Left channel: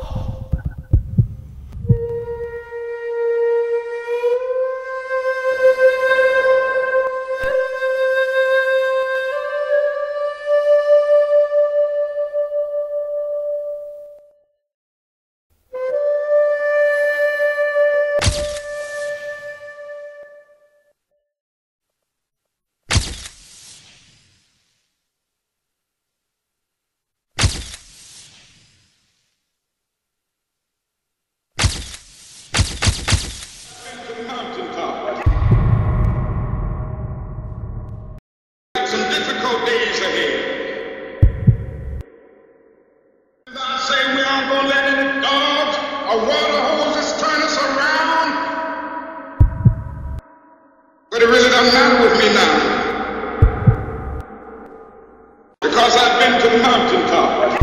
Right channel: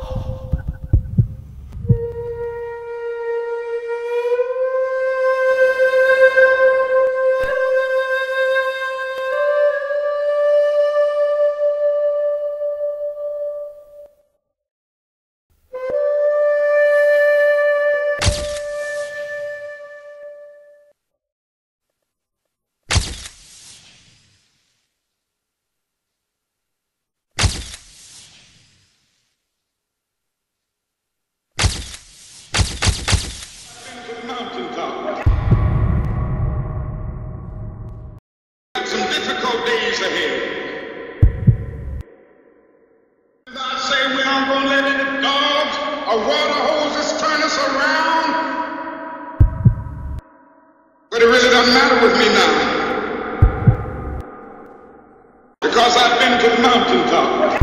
hope. Some difficult days ahead. I say we aren't going to let any dogs or water hoses turn us around. But it really doesn't matter with me now, because I've been to the mountaintop.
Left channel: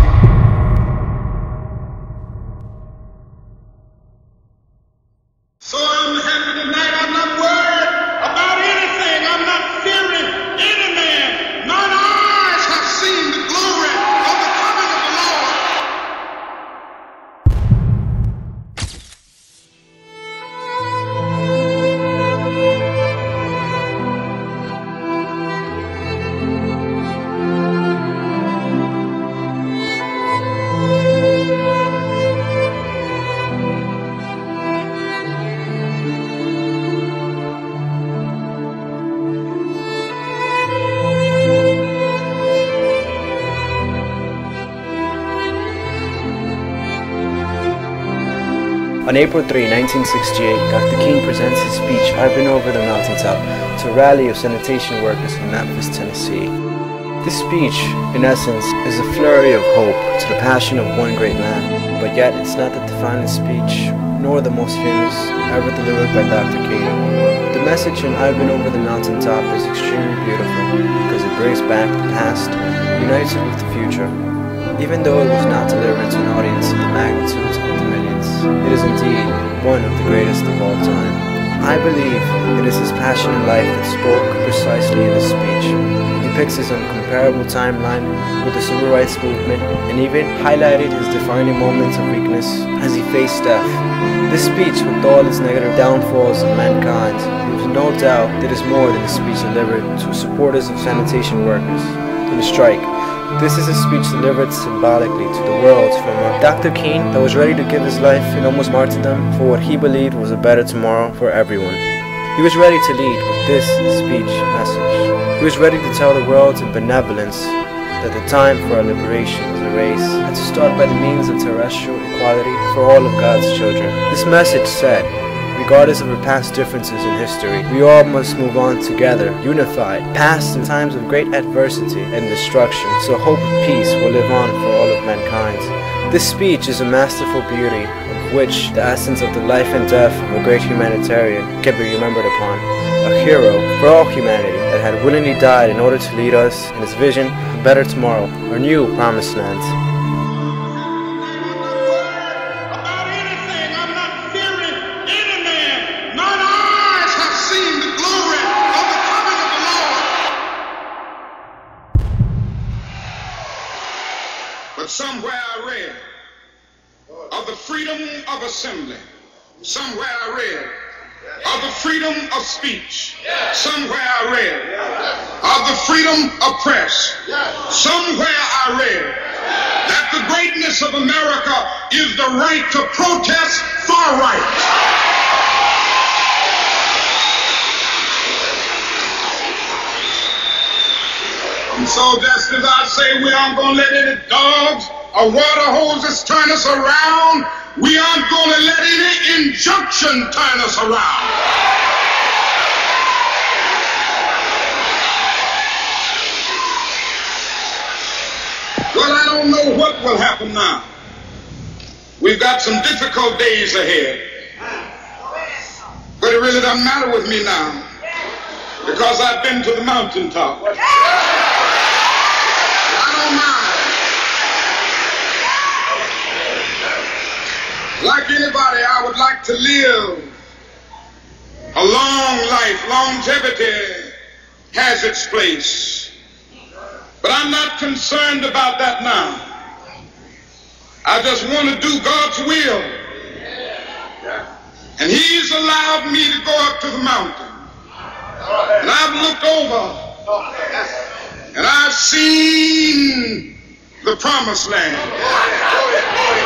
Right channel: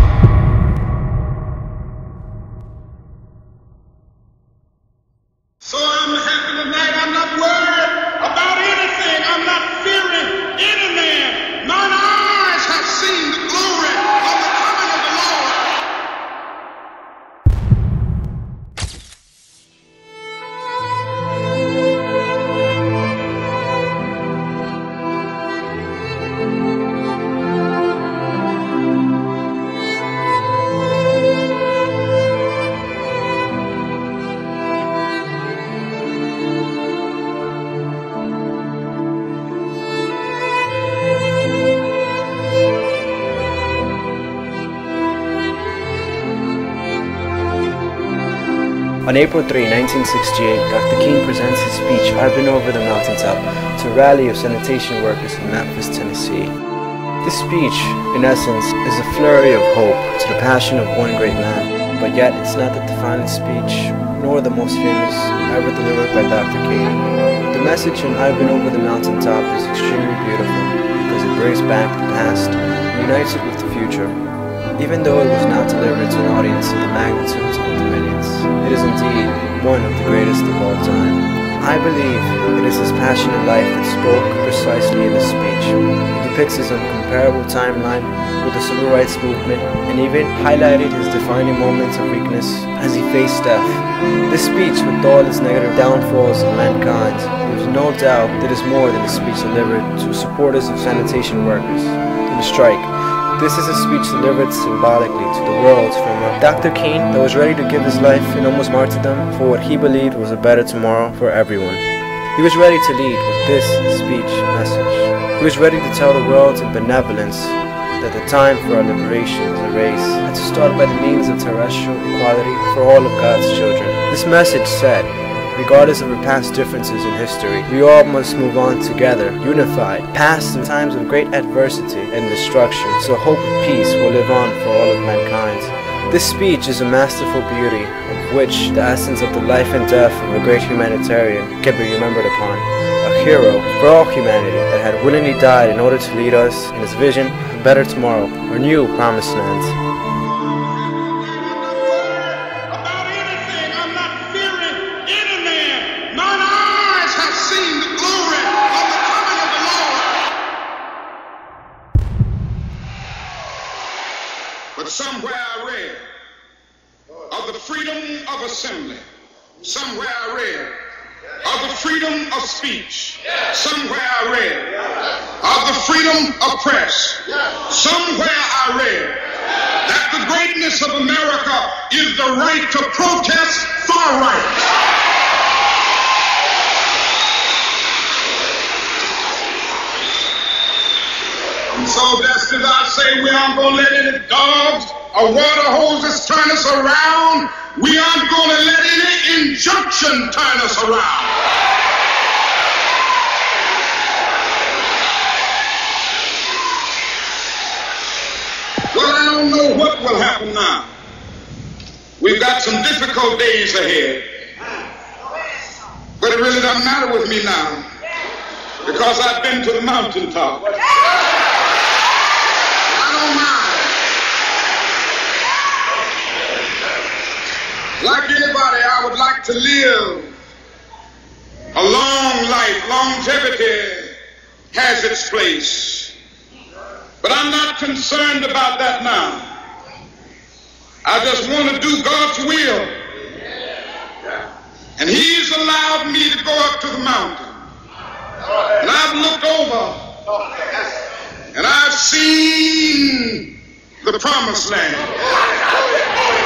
So I'm happy tonight. I'm not worried about anything. I'm not fearing any man. Mine eyes have seen the glory of the coming of the Lord. On April 3, 1968, Dr. King presents his speech, "I've Been Over the Mountaintop," to a rally of sanitation workers from Memphis, Tennessee. This speech, in essence, is a flurry of hope to the passion of one great man, but yet it's not the defining speech, nor the most famous, ever delivered by Dr. King. The message in "I've Been Over the Mountaintop" is extremely beautiful because it brings back the past and unites it with the future. Even though it was not delivered to an audience of the magnitudes of the millions, it is indeed one of the greatest of all time. I believe it is his passion in life that spoke precisely in this speech. It depicts his incomparable timeline with the civil rights movement and even highlighted his defining moments of weakness as he faced death. This speech, with all its negative downfalls of mankind, leaves no doubt that it is more than a speech delivered to supporters of sanitation workers in the strike. This is a speech delivered symbolically to the world from a Dr. King that was ready to give his life in almost martyrdom for what he believed was a better tomorrow for everyone. He was ready to lead with this speech message. He was ready to tell the world in benevolence that the time for our liberation is a race, and to start by the means of terrestrial equality for all of God's children. This message said, regardless of our past differences in history, we all must move on together, unified, past the times of great adversity and destruction, so hope of peace will live on for all of mankind. This speech is a masterful beauty, of which the essence of the life and death of a great humanitarian can be remembered upon. A hero for all humanity that had willingly died in order to lead us in his vision of a better tomorrow, our new promised land. Somewhere I read of the freedom of assembly. Somewhere I read of the freedom of speech. Somewhere I read of the freedom of press. Somewhere I read that the greatness of America is the right to protest far right. So just as I say we aren't going to let any dogs or water hoses turn us around, we aren't going to let any injunction turn us around. Well, I don't know what will happen now. We've got some difficult days ahead. But it really doesn't matter with me now, because I've been to the mountaintop. Like anybody, I would like to live a long life. Longevity has its place. But I'm not concerned about that now. I just want to do God's will. And He's allowed me to go up to the mountain. And I've looked over and I've seen the promised land.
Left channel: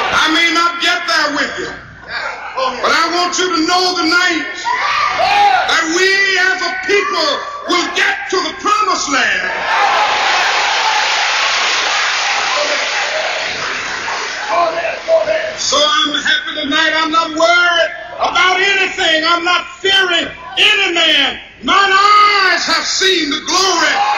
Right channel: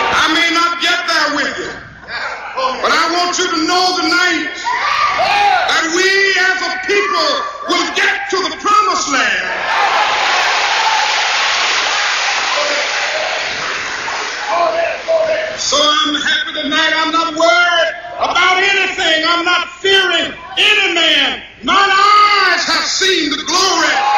I may not get there with you, but I want you to know tonight that we as a people will get to the promised land. So I'm happy tonight. I'm not worried about anything. I'm not fearing any man. Mine eyes have seen the glory